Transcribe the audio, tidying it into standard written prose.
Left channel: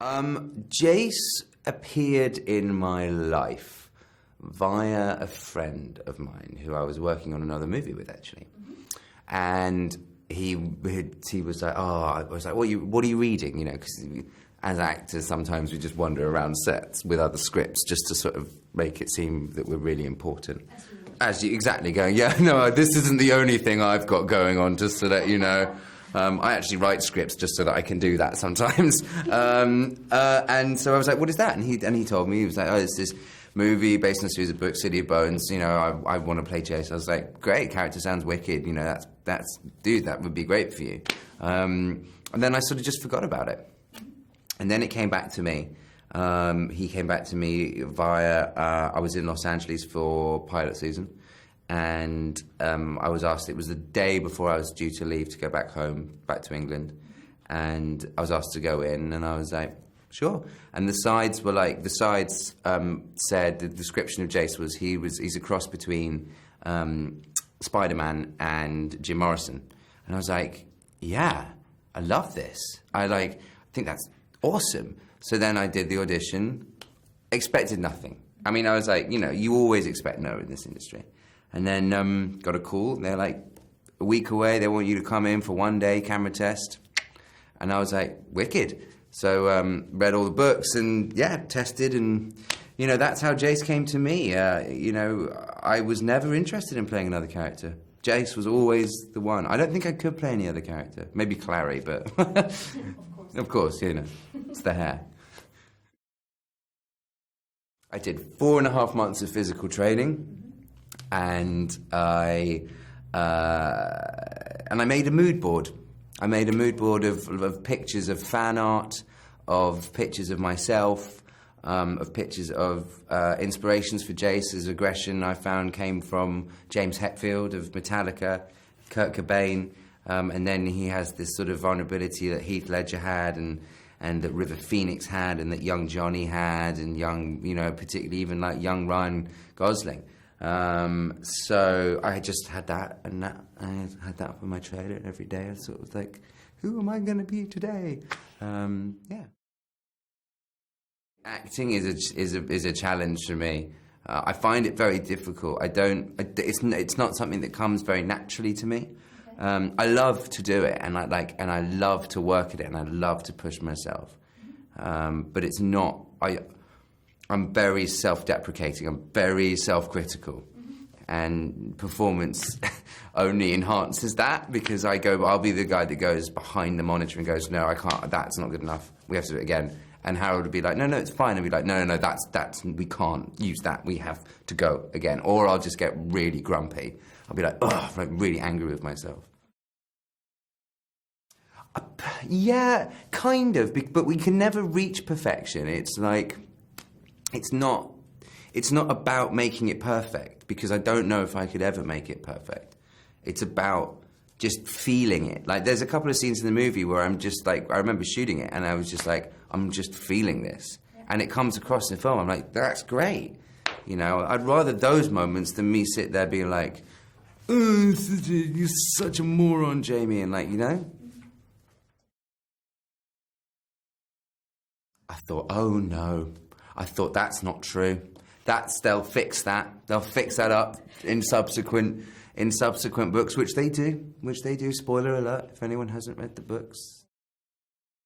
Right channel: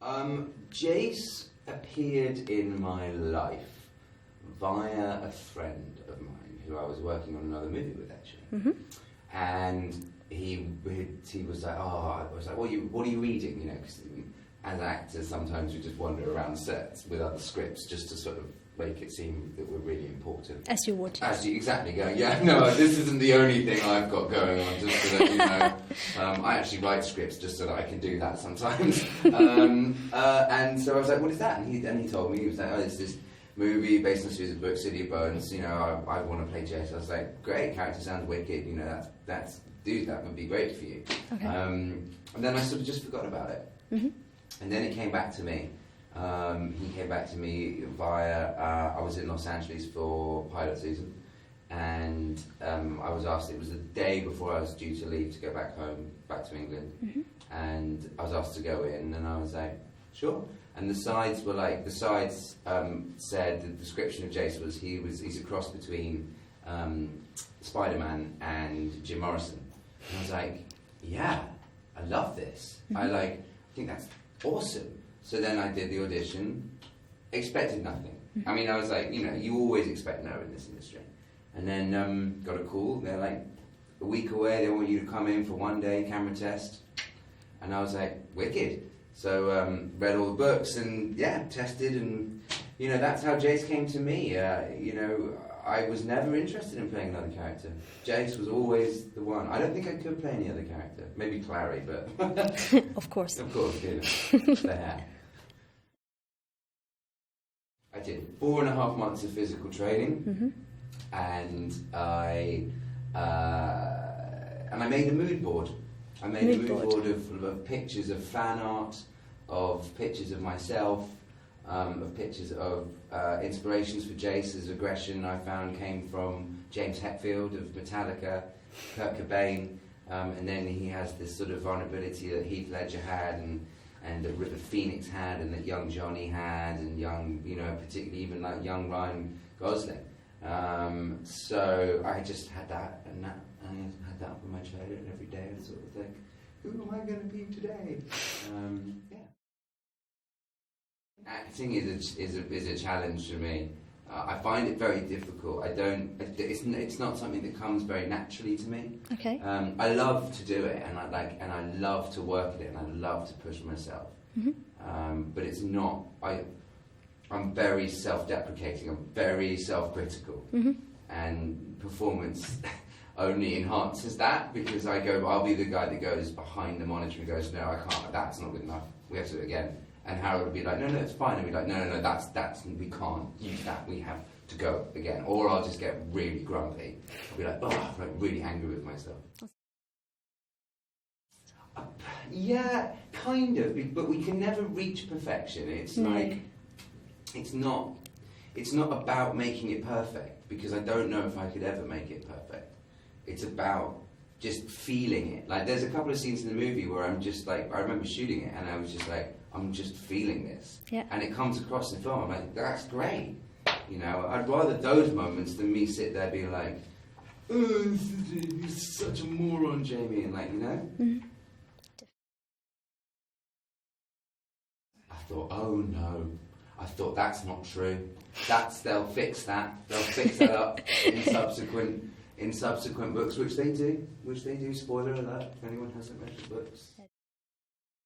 Jace appeared in my life via a friend of mine who I was working on another movie with, actually. And he was like, I was like, what are you reading? You know, because as actors, sometimes we just wander around sets with other scripts just to sort of make it seem that we're really important. As you would. Exactly, going, yeah, no, this isn't the only thing I've got going on, just so that you know. I actually write scripts just so that I can do that sometimes. And so I was like, what is that? And he told me, he was like, oh, it's this movie based on a series of books, City of Bones, you know, I want to play Jace. I was like, great, character sounds wicked, you know, dude, that would be great for you. Okay. And then I sort of just forgot about it. And then it came back to me. He came back to me via, I was in Los Angeles for pilot season, and I was asked, it was the day before I was due to leave to go back home, back to England, and I was asked to go in, and I was like, sure. And the sides were like, said, the description of Jace was, he's a cross between Spider-Man and Jim Morrison. And I was like, yeah, I love this. I think that's awesome. So then I did the audition, expected nothing. I mean, I was like, you know, you always expect no in this industry. And then got a call, they're like, a week away, they want you to come in for 1 day camera test. And I was like, wicked. So read all the books and, yeah, tested, and, you know, that's how Jace came to me. You know, I was never interested in playing another character. Jace was always the one. I don't think I could play any other character. Maybe Clary, but... Of course. Of course, you know. It's the hair. I did 4.5 months of physical training, and I made a mood board. I made a mood board of pictures of fan art, of pictures of myself, of pictures of inspirations for Jace's aggression I found came from James Hetfield of Metallica, Kurt Cobain, and then he has this sort of vulnerability that Heath Ledger had, and that River Phoenix had, and that young Johnny had, and young, you know, particularly even like young Ryan Gosling. So I just had that, and that, I had that up in my trailer every day. I sort of was like, who am I going to be today? Yeah. Acting is a challenge for me. I find it very difficult. It's not something that comes very naturally to me. Okay. I love to do it, and I love to work at it, and I love to push myself. But it's not. I'm very self-deprecating. I'm very self-critical, and performance only enhances that, because I'll be the guy that goes behind the monitor and goes, no, I can't. That's not good enough. We have to do it again. And Harold would be like, no, it's fine. And be like, no, that's we can't use that. We have to go again. Or I'll just get really grumpy. I'll be like, ugh, like really angry with myself. Yeah, kind of. But we can never reach perfection. It's like, it's not about making it perfect, because I don't know if I could ever make it perfect. It's about just feeling it. Like, there's a couple of scenes in the movie where I'm just like, I remember shooting it and I was just like, I'm just feeling this. Yeah. And it comes across in the film. I'm like, that's great. You know, I'd rather those moments than me sit there being like, oh, you're such a moron, Jamie, and like, you know? I thought, oh no. I thought, that's not true. They'll fix that. They'll fix that up in subsequent books, which they do. Spoiler alert, if anyone hasn't read the books.